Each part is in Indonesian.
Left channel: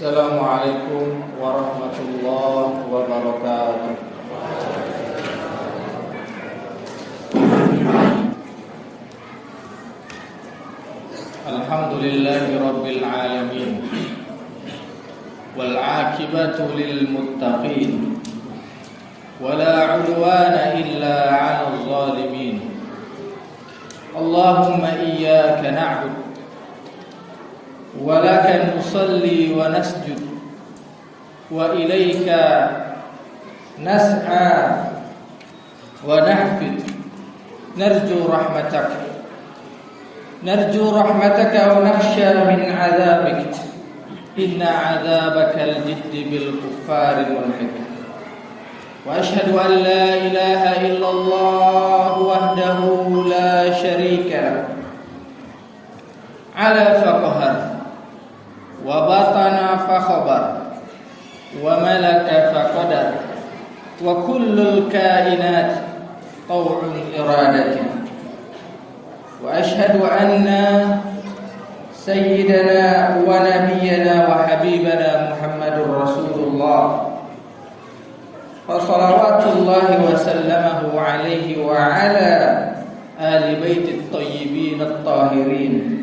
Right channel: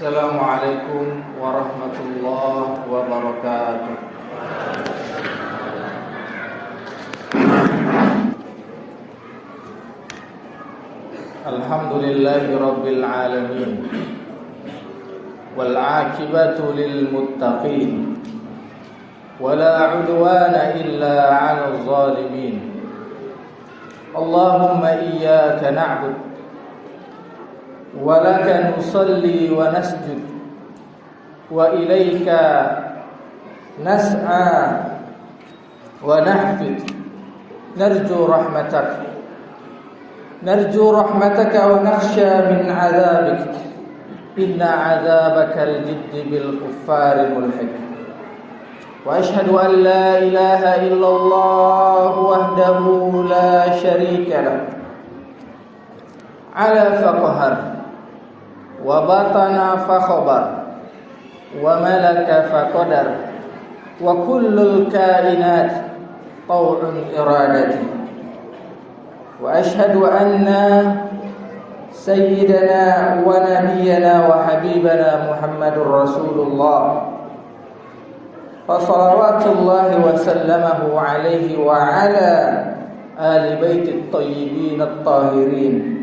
Assalamualaikum warahmatullahi wabarakatuh. Alhamdulillahi rabbil alamin. Wal 'aqibatu lil muttaqin. Wala 'udwana illa 'alal zalimin. Allahumma iyyaka na'budu ولك نصلي ونسجد وإليك نسعى ونحفد نرجو رحمتك ونخشى من عذابك إن عذابك الجد بالكفار ملحق وأشهد أن لا إله إلا الله وحده لا شريك له على فقهر وبطن فخبر وملك فقدر وكل الكائنات طوع إرادته وأشهد أن سيدنا ونبينا وحبيبنا محمد رسول الله فصلوات الله وسلمه عليه وعلى آل بيت الطيبين الطاهرين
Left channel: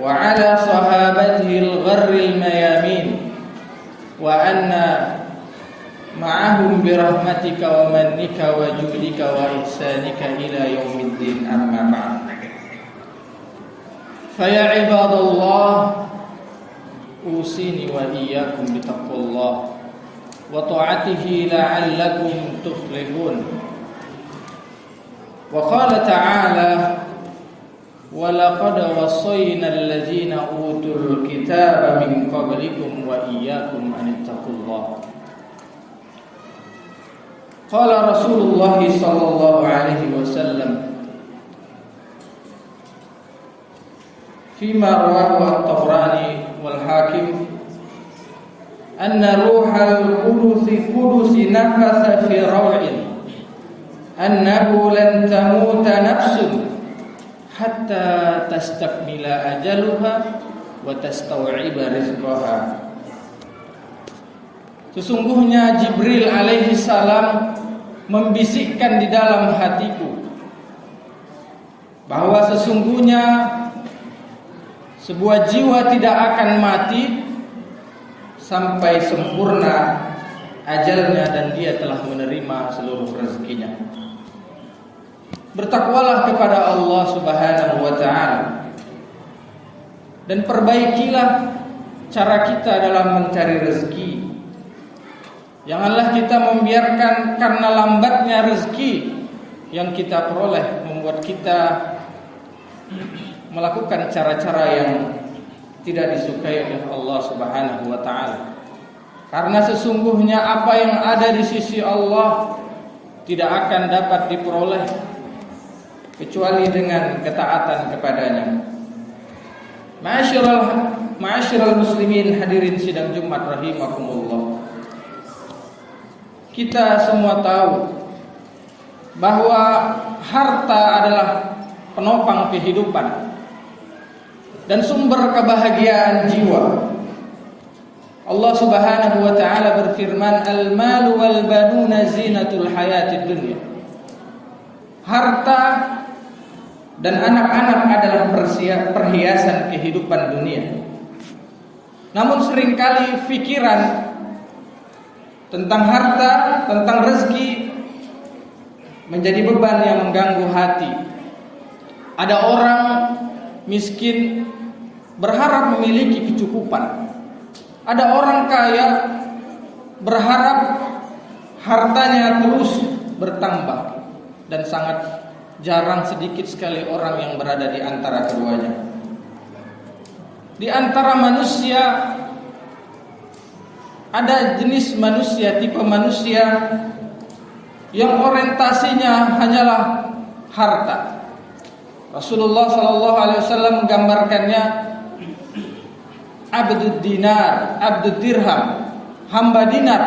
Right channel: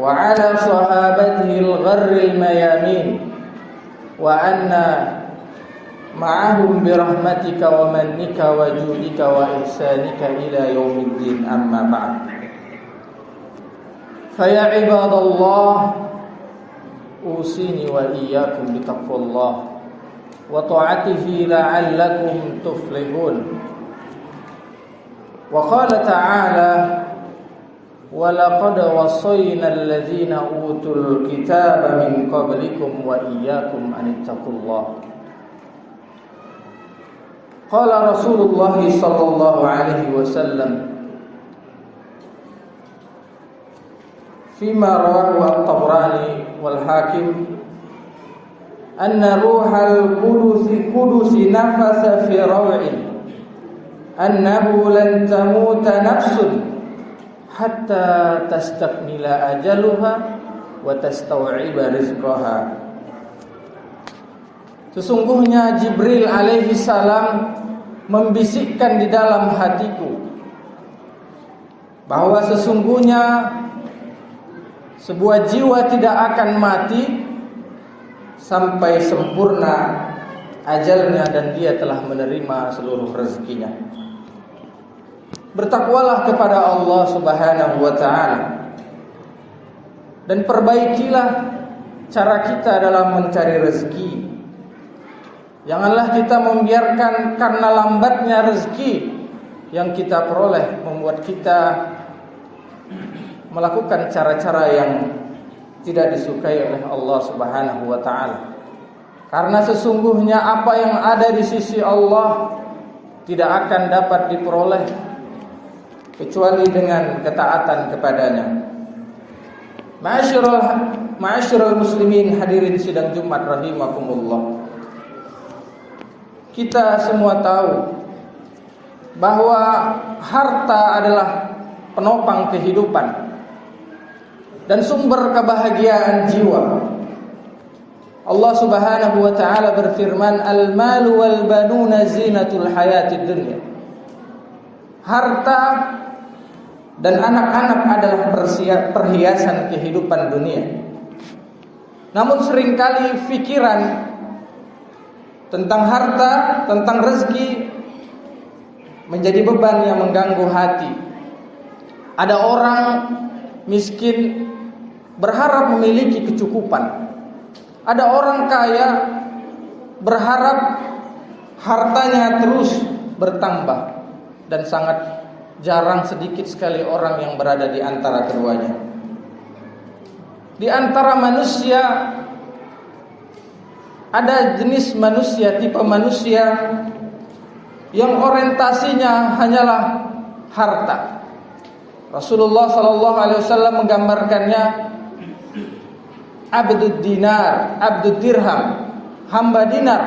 وعلى صحابته الغر الميامين وأنا معهم برحمتك ومنك وجودك وإحسانك إلى يوم الدين أما بعد فيا عباد الله أوصيني وإياكم بتقوى الله وطاعته لعلكم تفلحون وقال تعالى وَلَقَدْ وَصَّيْنَا الَّذِينَ أُوتُوا الْكِتَابَ مِنْ قَبْلِكُمْ وَإِيَّاكُمْ أَنِ اتَّقُوا اللَّهَ قال رسول الله صلى الله عليه وسلم فيما رواه الطبراني والحاكم أن روح القدس نفث في روع أنه لن تموت نفس hatta tastakmila ajaluha wa tastau'iba rizqaha. Sesungguhnya Jibril alaihi salam membisikkan di dalam hatiku bahwa sesungguhnya sebuah jiwa tidak akan mati sampai sempurna ajalnya dan dia telah menerima seluruh rezekinya. Bertakwalah kepada Allah Subhanahu wa ta'ala dan perbaikilah cara kita dalam mencari rezeki. Janganlah kita membiarkan karena lambatnya rezeki yang kita peroleh membuat kita melakukan cara-cara yang tidak disukai oleh Allah Subhanahu wa ta'ala. Karena sesungguhnya apa yang ada di sisi Allah tidak akan dapat diperoleh kecuali dengan ketaatan kepadanya. Ma'asyiral muslimin, hadirin sidang Jumat rahimakumullah. Kita semua tahu bahwa harta adalah penopang kehidupan dan sumber kebahagiaan jiwa. Allah Subhanahu wa ta'ala berfirman, "Al-malu wal banuna zinatul hayatid dunya." Harta dan anak-anak adalah perhiasan kehidupan dunia. Namun seringkali pikiran tentang harta, tentang rezeki menjadi beban yang mengganggu hati. Ada orang miskin berharap memiliki kecukupan. Ada orang kaya berharap hartanya terus bertambah. Dan sangat jarang, sedikit sekali orang yang berada di antara keduanya. Di antara manusia ada jenis manusia, tipe manusia yang orientasinya hanyalah harta. Rasulullah sallallahu alaihi wasallam menggambarkannya abdud dinar, abdud dirham, hamba dinar,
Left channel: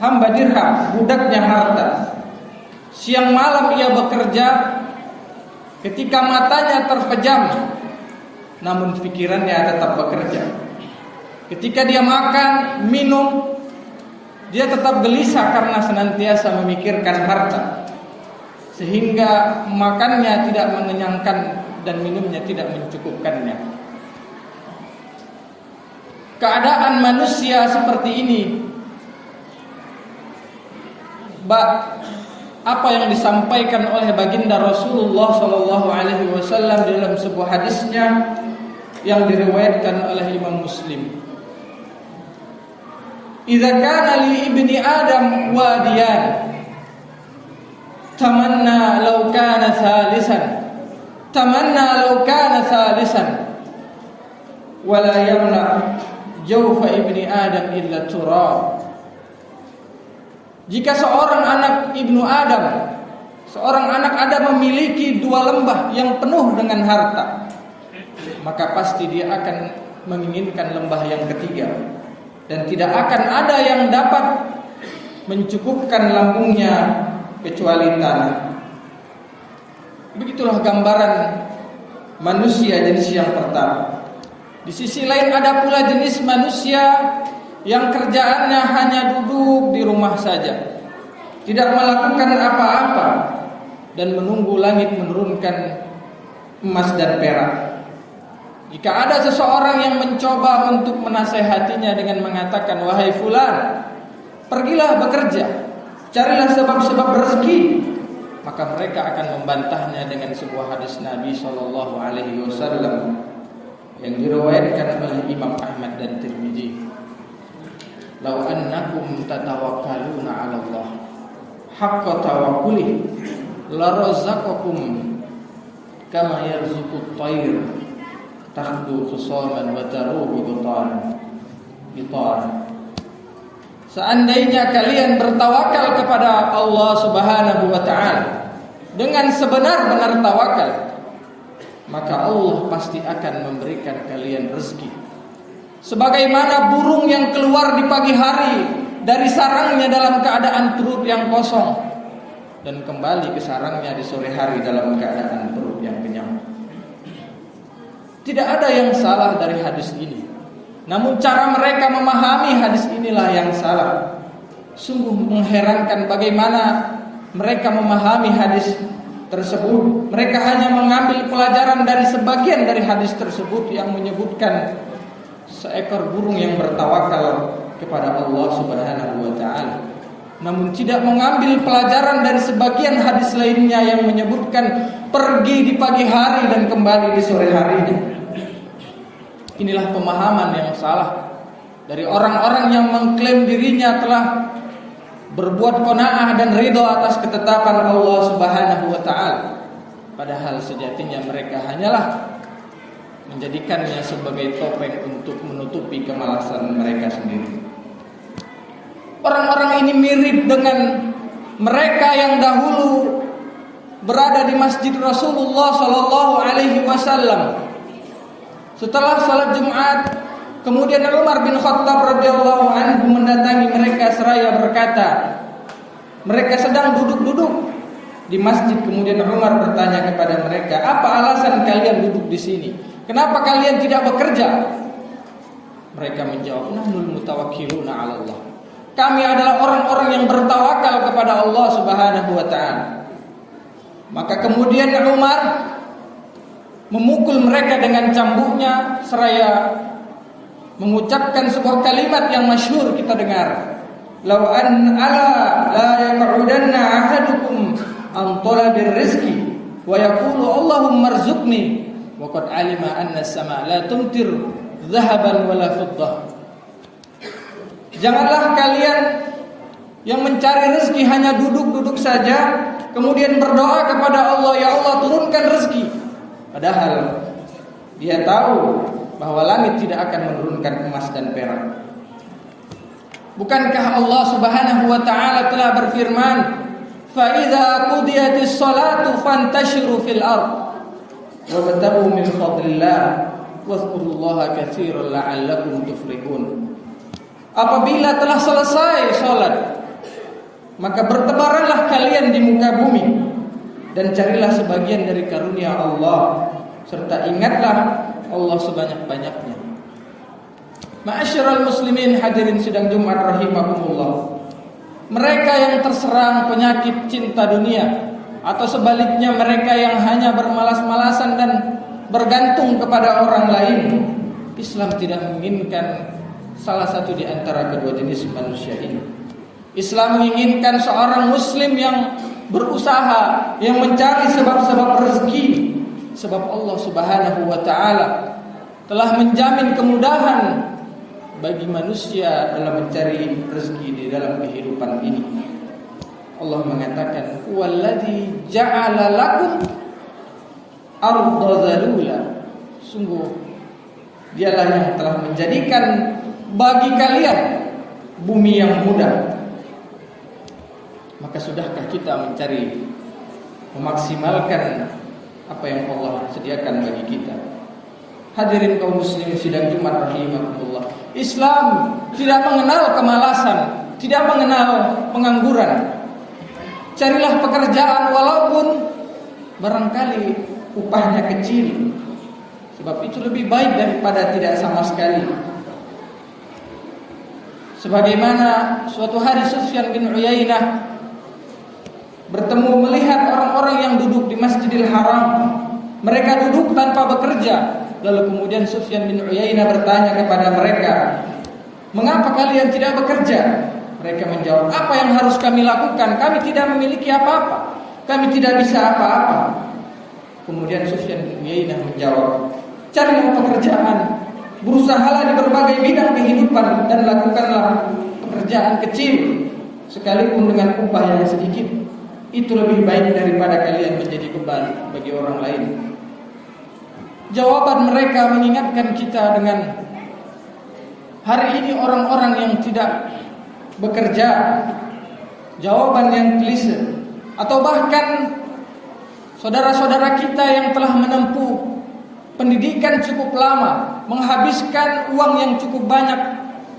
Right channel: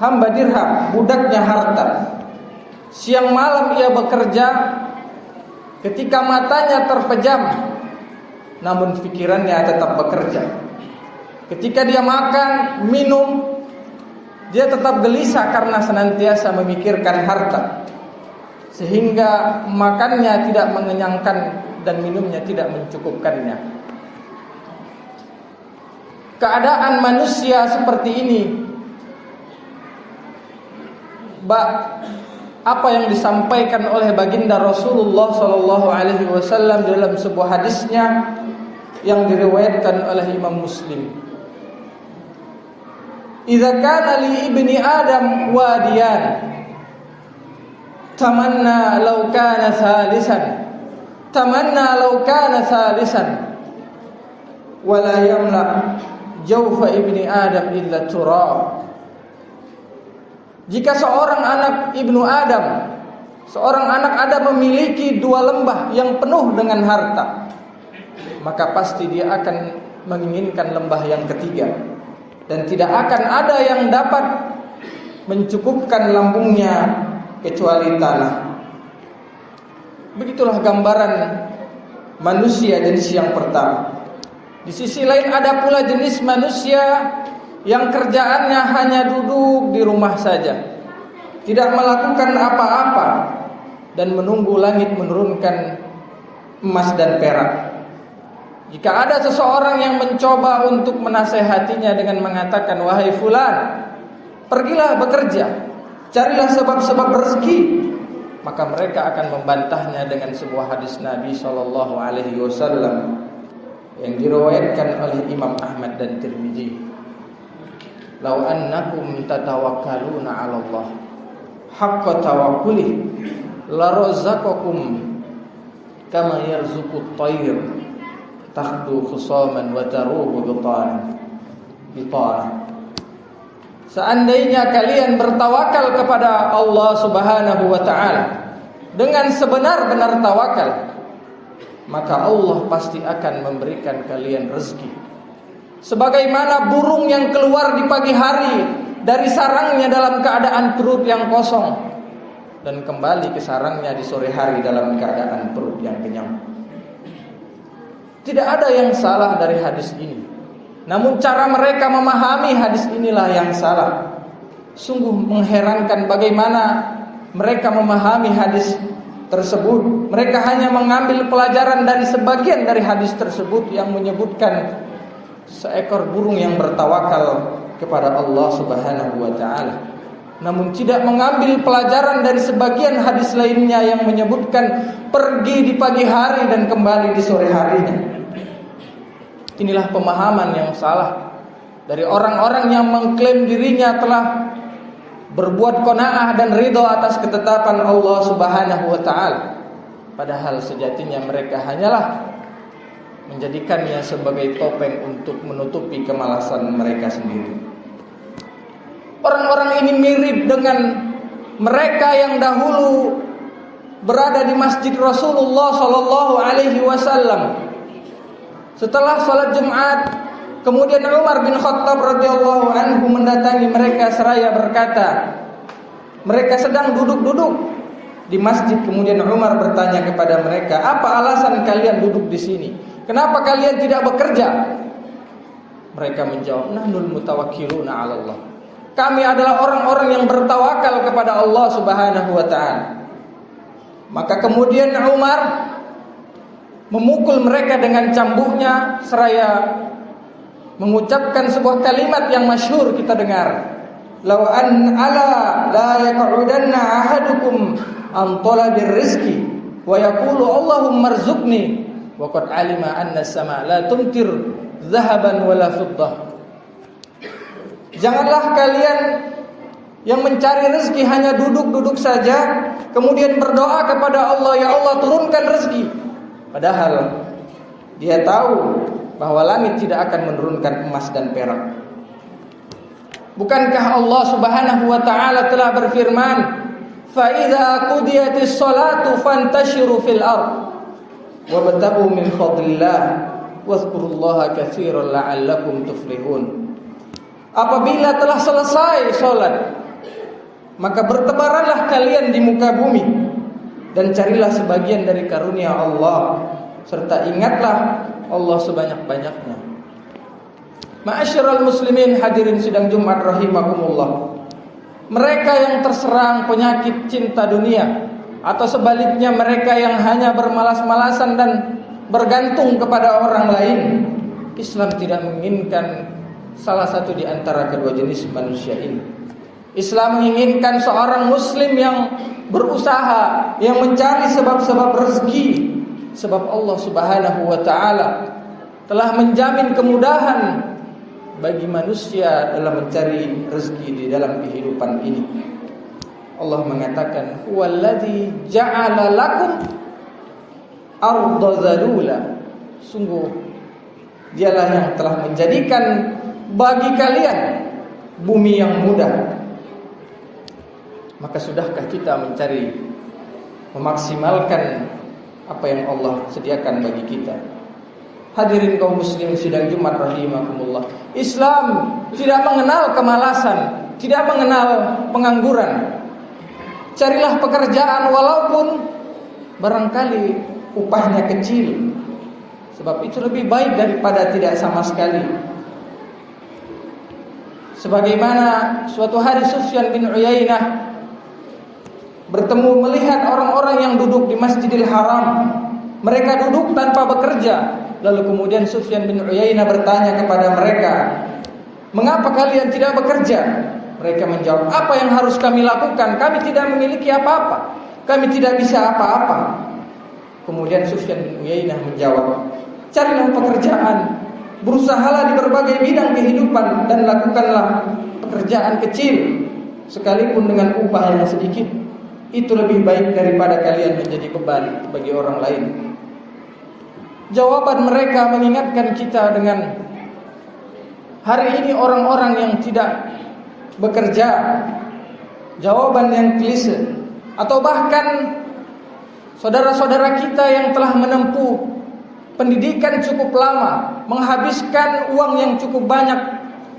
hamba dirham, budaknya harta. Siang malam ia bekerja, ketika matanya terpejam, namun pikirannya tetap bekerja. Ketika dia makan, minum, dia tetap gelisah karena senantiasa memikirkan harta, sehingga makannya tidak mengenyangkan dan minumnya tidak mencukupkannya. Keadaan manusia seperti ini, apa yang disampaikan oleh baginda Rasulullah SAW dalam sebuah hadisnya yang diriwayatkan oleh Imam Muslim. Idza kana li ibni Adam wadiyan tamanna law kana thalisan wala yamla jawfa ibni Adam illa turab. Jika seorang anak ibnu Adam, seorang anak Adam memiliki dua lembah yang penuh dengan harta, maka pasti dia akan menginginkan lembah yang ketiga, dan tidak akan ada yang dapat mencukupkan lambungnya kecuali tanah. Begitulah gambaran manusia jenis yang pertama. Di sisi lain ada pula jenis manusia yang kerjaannya hanya duduk di rumah saja, tidak melakukan apa-apa dan menunggu langit menurunkan emas dan perak. Jika ada seseorang yang mencoba untuk menasehatinya dengan mengatakan, wahai fulan, pergilah bekerja, carilah sebab-sebab rezeki, maka mereka akan membantahnya dengan sebuah hadis Nabi SAW yang diriwayatkan oleh Imam Ahmad dan Tirmidzi. Lau annakum tatawakkaluna 'ala Allah haqqa tawakkuli la razaqakum kama yarzuqut tayr takhdu khusaman wa taruhu bitana. Seandainya kalian bertawakal kepada Allah Subhanahu wa taala dengan sebenar-benar tawakal, maka Allah pasti akan memberikan kalian rezeki. Sebagaimana burung yang keluar di pagi hari dari sarangnya dalam keadaan perut yang kosong dan kembali ke sarangnya di sore hari dalam keadaan perut yang kenyang. Tidak ada yang salah dari hadis ini, namun cara mereka memahami hadis inilah yang salah. Sungguh mengherankan bagaimana mereka memahami hadis tersebut. Mereka hanya mengambil pelajaran dari sebagian dari hadis tersebut yang menyebutkan seekor burung yang bertawakal kepada Allah Subhanahu wa taala, namun tidak mengambil pelajaran dari sebagian hadis lainnya yang menyebutkan pergi di pagi hari dan kembali di sore harinya. Inilah pemahaman yang salah dari orang-orang yang mengklaim dirinya telah berbuat qanaah dan ridho atas ketetapan Allah Subhanahu wa taala, padahal sejatinya mereka hanyalah menjadikannya sebagai topeng untuk menutupi kemalasan mereka sendiri. Orang-orang ini mirip dengan mereka yang dahulu berada di masjid Rasulullah SAW. Setelah salat Jumat, kemudian Umar bin Khattab radhiyallahu anhu mendatangi mereka seraya berkata, mereka sedang duduk-duduk di masjid. Kemudian Umar bertanya kepada mereka, apa alasan kalian duduk di sini? Kenapa kalian tidak bekerja? Mereka menjawab, nahnul mutawakkiluna 'ala Allah. Kami adalah orang-orang yang bertawakal kepada Allah Subhanahu wa taala. Maka kemudian Umar memukul mereka dengan cambuknya seraya mengucapkan sebuah kalimat yang masyhur kita dengar. Lau an ala la yaq'udanna ahadukum an talabil rizqi wa yaqulu Allahumma arzuqni wa qad alima anna as-sama' la tumtir dhahaban wala fiddah. Janganlah kalian yang mencari rezeki hanya duduk-duduk saja kemudian berdoa kepada Allah, ya Allah turunkan rezeki, padahal dia tahu bahwa langit tidak akan menurunkan emas dan perak. Bukankah Allah Subhanahu wa taala telah berfirman, fa idza qudiyatis salatu fantashiru fil ardh wabtaghu min fadlillah wadhkurullaha katsiran la'allakum tuflihun. Apabila telah selesai salat, maka bertebaranlah kalian di muka bumi dan carilah sebagian dari karunia Allah, serta ingatlah Allah sebanyak-banyaknya. Ma'asyiral muslimin hadirin sidang Jumat rahimakumullah. Mereka yang terserang penyakit cinta dunia atau sebaliknya mereka yang hanya bermalas-malasan dan bergantung kepada orang lain, Islam tidak menginginkan salah satu di antara kedua jenis manusia ini. Islam menginginkan seorang muslim yang berusaha, yang mencari sebab-sebab rezeki. Sebab Allah Subhanahu wa taala telah menjamin kemudahan bagi manusia dalam mencari rezeki di dalam kehidupan ini. Allah mengatakan, "Walladzi ja'ala lakum arda zalula." Sungguh Dialah yang telah menjadikan bagi kalian bumi yang mudah. Maka sudahkah kita mencari memaksimalkan apa yang Allah sediakan bagi kita? Hadirin kaum muslimin sidang Jumat rahimakumullah. Islam tidak mengenal kemalasan, tidak mengenal pengangguran. Carilah pekerjaan walaupun barangkali upahnya kecil, sebab itu lebih baik daripada tidak sama sekali. Sebagaimana suatu hari Sufyan bin Uyainah bertemu melihat orang-orang yang duduk di Masjidil Haram. Mereka duduk tanpa bekerja. Lalu kemudian Sufyan bin Uyainah bertanya kepada mereka, "Mengapa kalian tidak bekerja?" Mereka menjawab, "Apa yang harus kami lakukan? Kami tidak memiliki apa-apa. Kami tidak bisa apa-apa." Kemudian Sufyan bin Uyainah menjawab, "Carilah pekerjaan, berusahalah di berbagai bidang kehidupan dan lakukanlah pekerjaan kecil sekalipun dengan upah yang sedikit. Itu lebih baik daripada kalian menjadi beban bagi orang lain." Jawaban mereka mengingatkan kita dengan hari ini orang-orang yang tidak bekerja. Jawaban yang klise. Atau bahkan saudara-saudara kita yang telah menempuh pendidikan cukup lama, menghabiskan uang yang cukup banyak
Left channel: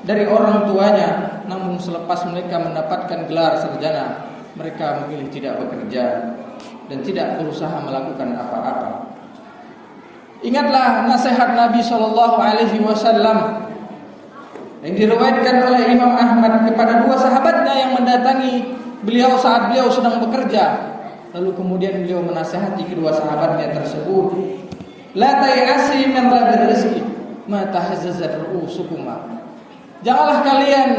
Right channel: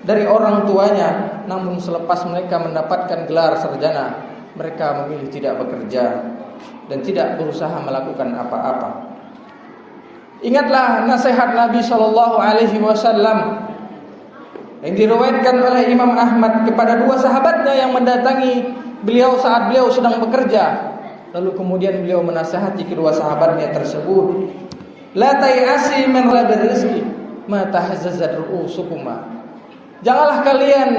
dari orang tuanya, namun selepas mereka mendapatkan gelar sarjana, mereka memilih tidak bekerja dan tidak berusaha melakukan apa-apa. Ingatlah nasihat Nabi SAW yang diriwayatkan oleh Imam Ahmad kepada dua sahabatnya yang mendatangi beliau saat beliau sedang bekerja. Lalu kemudian beliau menasihati kedua sahabatnya tersebut, "La tay'asi min talabil rizqi ma tahazzazat ru'usukuma." Janganlah kalian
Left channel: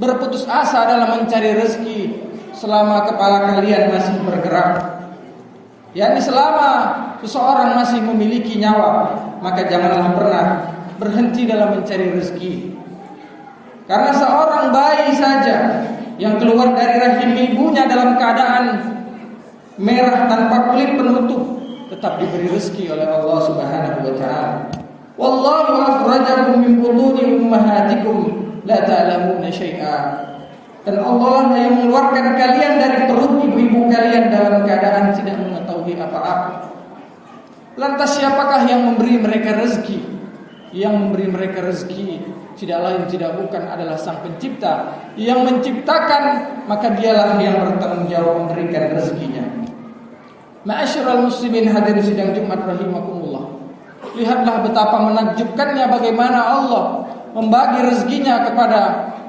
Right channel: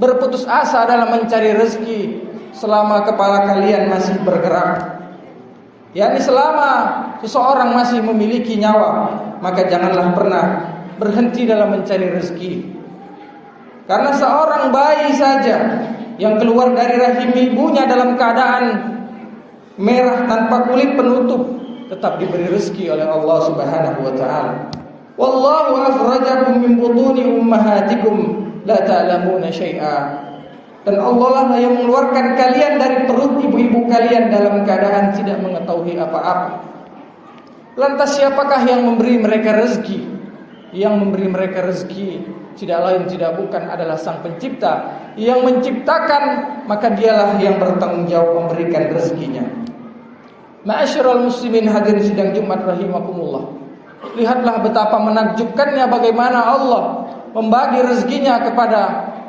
berputus asa dalam mencari rezeki selama kepala kalian masih bergerak. yakni selama seseorang masih memiliki nyawa, maka janganlah pernah berhenti dalam mencari rezeki. Karena seorang bayi saja yang keluar dari rahim ibunya dalam keadaan merah tanpa kulit penutup tetap diberi rezeki oleh Allah Subhanahu wa taala. Wallahu akhrajakum min butuni ummahatikum la ta'lamuna syai'a. Dan Allah lah yang mengeluarkan kalian dari perut ibu-ibu kalian dalam keadaan tidak mengetahui apa-apa. Lantas siapakah yang memberi mereka rezeki? Yang memberi mereka rezeki tidak lain tidak bukan adalah Sang Pencipta yang menciptakan, maka dialah yang bertanggung jawab memberikan rezekinya. Ma'asyiral muslimin hadirin sidang Jumat rahimakumullah. Lihatlah betapa menakjubkannya bagaimana Allah membagi rezekinya kepada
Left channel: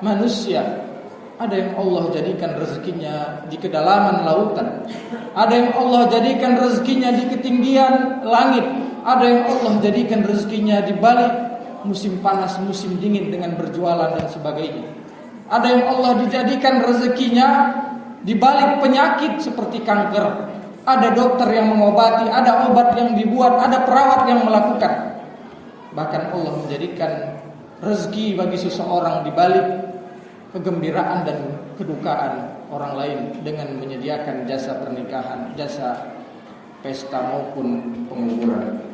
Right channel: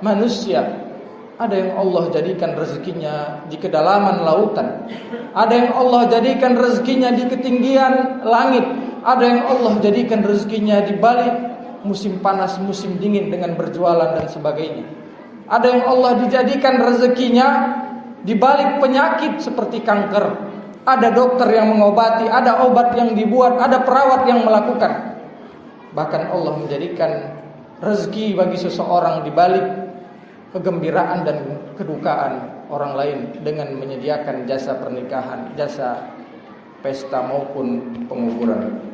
manusia. Ada yang Allah jadikan rezekinya di kedalaman lautan, ada yang Allah jadikan rezekinya di ketinggian langit, ada yang Allah jadikan rezekinya di balik musim panas, musim dingin dengan berjualan dan sebagainya. Ada yang Allah dijadikan rezekinya di balik penyakit seperti kanker. Ada dokter yang mengobati, ada obat yang dibuat, ada perawat yang melakukan. Bahkan Allah menjadikan rezeki bagi seseorang di balik kegembiraan dan kedukaan orang lain dengan menyediakan jasa pernikahan, jasa pesta maupun penguburan.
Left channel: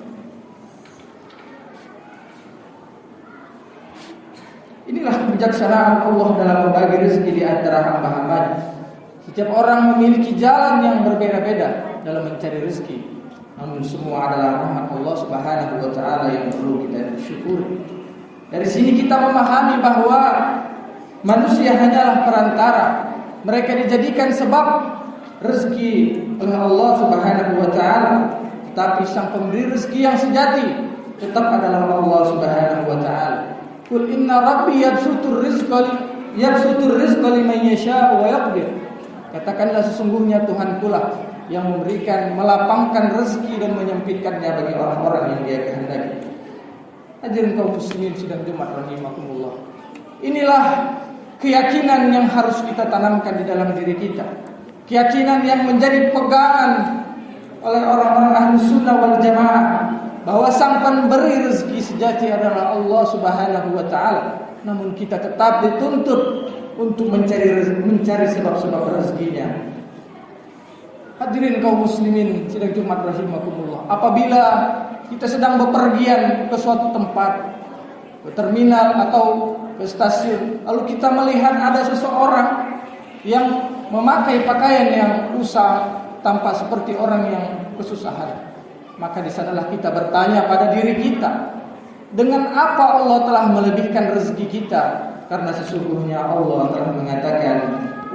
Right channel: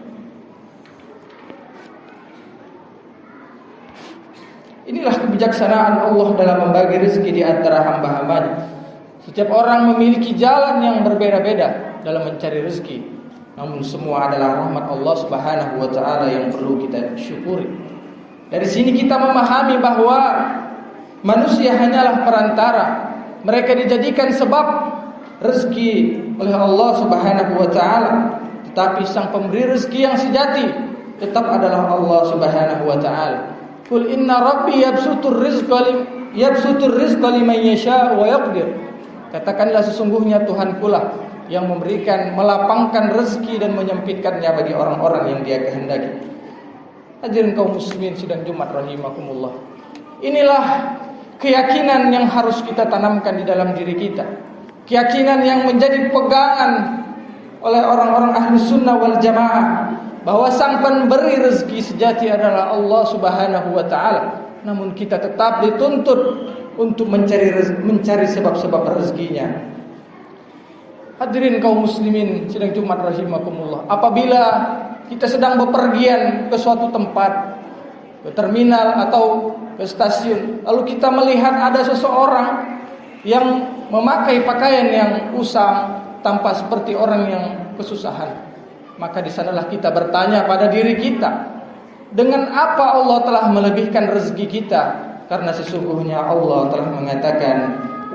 Inilah kebijaksanaan Allah dalam membagi rezeki di antara hamba-hambanya. Setiap orang memiliki jalan yang berbeda-beda dalam mencari rezeki, namun semua adalah rahmat Allah Subhanahu wa taala yang perlu kita syukuri. Dari sini kita memahami bahwa manusia hanyalah perantara. Mereka dijadikan sebab rezeki oleh Allah Subhanahu wa taala, tetapi sang pemberi rezeki yang sejati tetap adalah Allah Subhanahu wa taala. Qul inna rabbi yabsutur rizqa liman yasha wa yaqdir. Katakanlah sesungguhnya Tuhanku lah yang memberikan, melapangkan rezeki dan menyempitkannya bagi orang-orang yang Dia kehendaki. Hadirin kaum muslimin sidang Jumat rahimakumullah. Inilah keyakinan yang harus kita tanamkan di dalam diri kita. Keyakinan yang menjadi pegangan oleh orang-orang ahli sunnah wal jamaah, bahwa sang pemberi rezeki sejati adalah Allah Subhanahu wa ta'ala. Namun kita tetap dituntut untuk mencari sebab-sebab rezekinya. Hadirin kaum muslimin sidang Jumat rahimakumullah, apabila kita sedang bepergian ke suatu tempat, ke terminal atau ke stasiun, lalu kita melihat ada seseorang yang memakai pakaian yang usang, tampak seperti orang yang kesusahan, maka di sanalah kita bertanya pada diri kita, dengan apa Allah telah melebihkan rezeki kita? Karena sesungguhnya Allah telah mengatakan,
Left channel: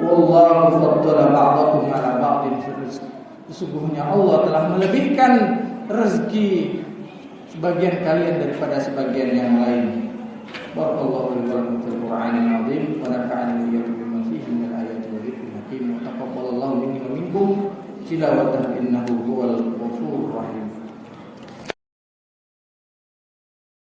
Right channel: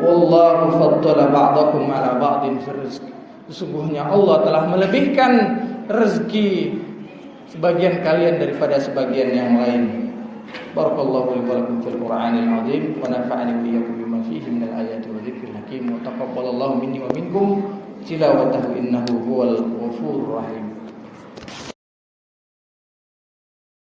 wallahu faddala ba'dakum 'ala ba'din fil rizq. Sesungguhnya Allah telah melebihkan rezeki sebagian kalian daripada sebagian yang lain. Barakallahu li wa lakum fil Qur'anil 'azim wa nafa'ani wa iyyakum bima fihi minal ayati wa dzikril hakim wa taqabbalallahu minni wa minkum tilawatahu innahu huwal ghafurur rahim.